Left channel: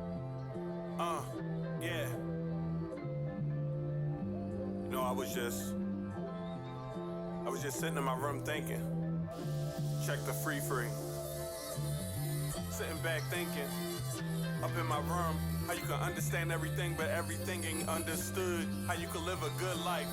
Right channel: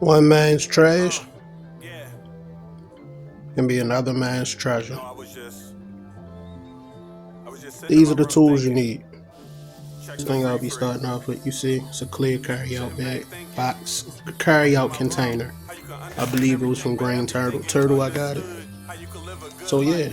One man's trash Yeah. can be another man's treasure. No, I was just sitting in These my are the room tools you thinking. need. Check First the thing I'll free be free. starting off with, you see, it's a clear carry-out Sitting back bag, thinking. box, a Up carry-out in my container. room, how you can I understand believe it was from everything, but Green everything ain't Turtle. I got it. understood. How you can live a good So yeah, life,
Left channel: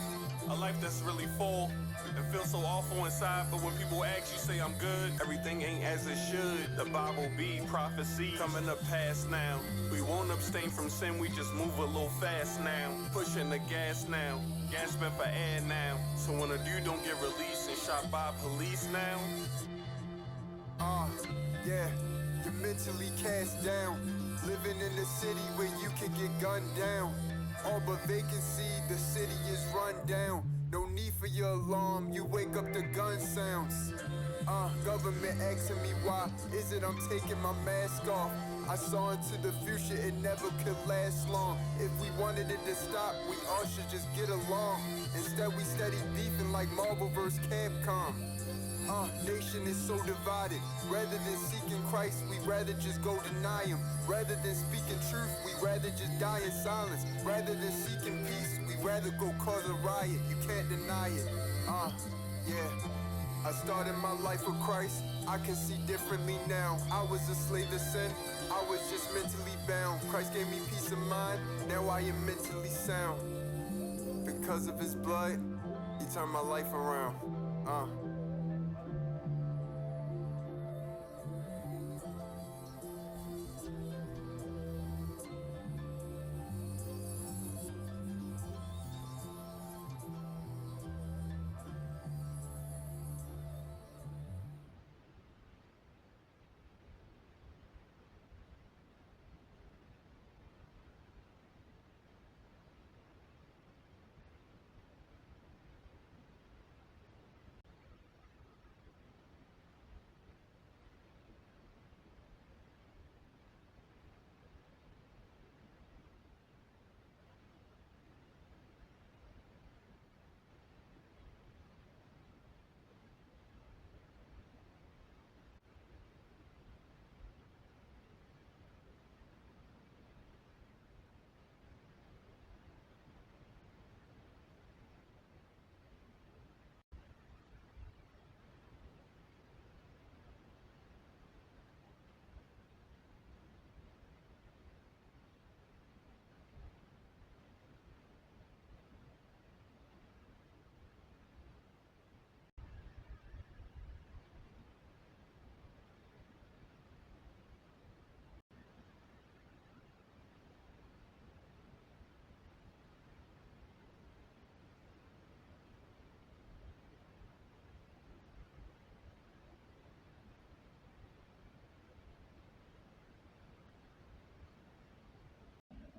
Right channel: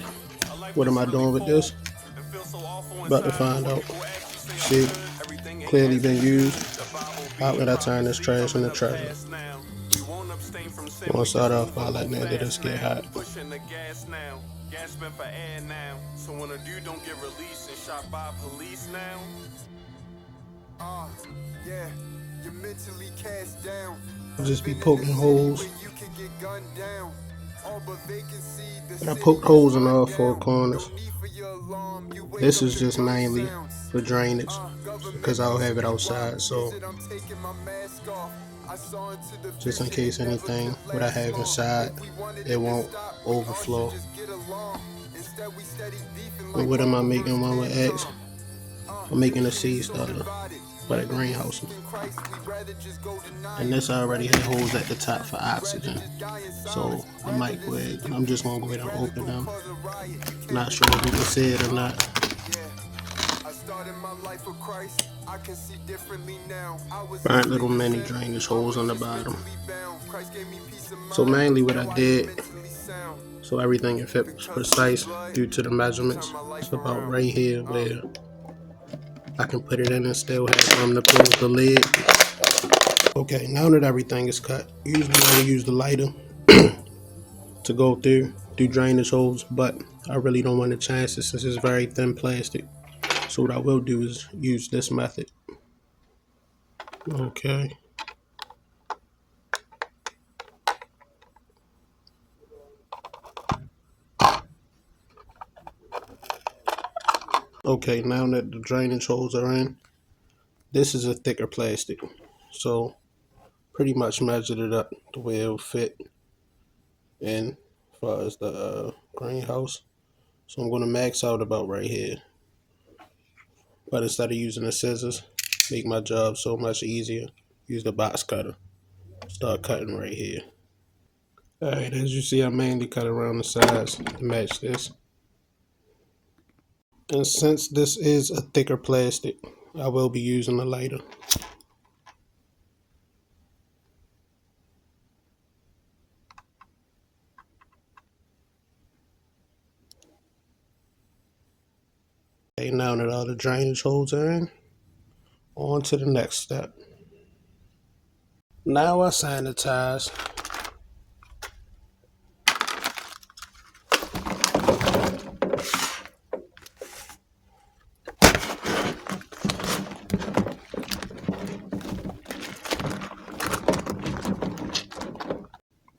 a life what am that's I really doing with full, this? and feel so awful About to inside. But find when out. people ask you, say I'm See, good, everything ain't clearly as it been should. used. The Bible How being would I turn this prophecy, trash I'm in into the treasure? past now. We won't abstain from sin, I'm gonna we start just off move by a little letting the end of this fast get now. hot. Pushing the gas now, gasping for air now. So when a dude don't get released and shot by police now. Yeah, you're mentally cast down. Just be Living in the poking city holes. where you can get gunned down. All but vacancy, the And I city poked is holes in run all four down. corners. No need for your alarm, you wake This up is to just gun mainly sounds. for drainage Government because I'll have asking it me why outside. So is it I'm taking my mask off. I saw into the just in future, case it never anything, could what I last have long. inside, If we wanted it it to won't stop, we all overflow. should just get along. Instead we steady beefing But like what am I Marvel making vs. one with X? Capcom. I'm making a Nation seed is so starter divided. for that Rather than greenhouse. seeking Christ, we rather just go deny And him. this already Rather had than holes at the speaking top truth, for we rather oxygen. just die in So silence. I Rather might than go ahead, seeking I'm just peace, gonna go we ahead and rather open go them. cause a riot. You can't Not sure if deny you can it. see it or not. Yeah. I started my life with Christ. I can see differently now. I was a Burnt slave little to mini sin. drainage I holes was on the just bottom. mentally bound. Christ gave me peace of So mind. mainly what I Now I did, am mentally sound. so everything can fit Because of his precise blood, due to the he measurements. turned my life It's about around. right here where I can put it in and still have room to close the lid. Okay, now that everything is cut, usually I will use the lighter to go through drainage holes, but I really don't want to chance it since it's very thin plastic. So what I will do is use this method. Okay. Okay, now that the drainage holes are in, this is a thicker plastic. So pretty much measured it up the way it'll fit in as far as the greenhouse. So I'm going to max out about right here. But instead of using the scissors, make my job so much easier, use the box cutter. Start cutting right here. Alright, as you see, I mainly cut around the sides to match this. And since this is a thicker plastic, I will be using a lighter. Okay, now that all the drainage holes are in, on to the next step. Now I sanitize.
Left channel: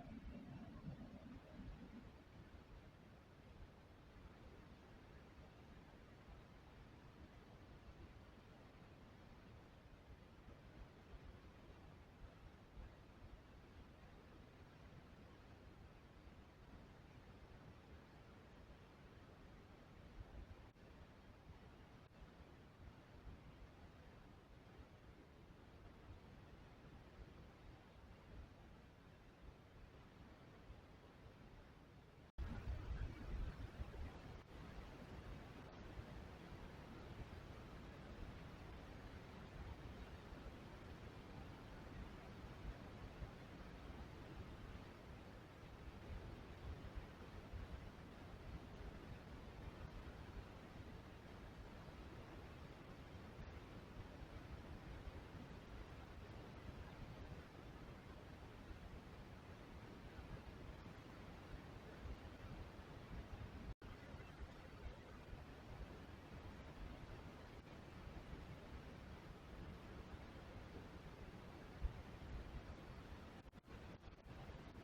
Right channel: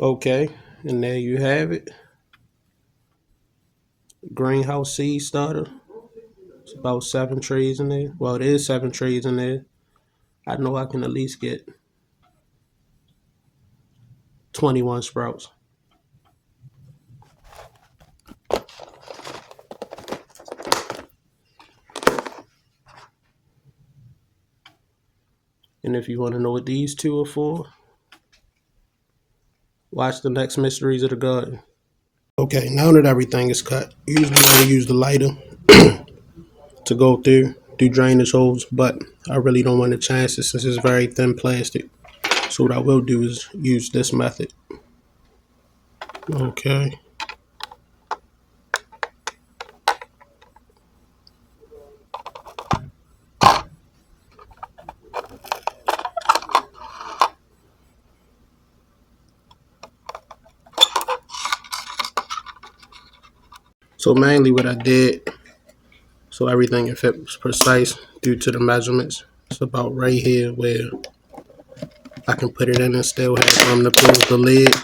Okay, and there you have it. Greenhouse seed starter. It's about 7 trays in there. Well, it is 7 trays in there. I know I can at least get 21 sprouts. And if you want to know what these two are for, watch the next Mysteries of the Garden. Okay, now that everything is cut, usually I will use the lighter to go through drainage holes, but I really don't want to chance it since it's very thin plastic. So what I will do is use this method. Okay. So mainly what I did, so everything can fit precise due to the measurements. It's about right here where I can put it in and still have room to close the lid.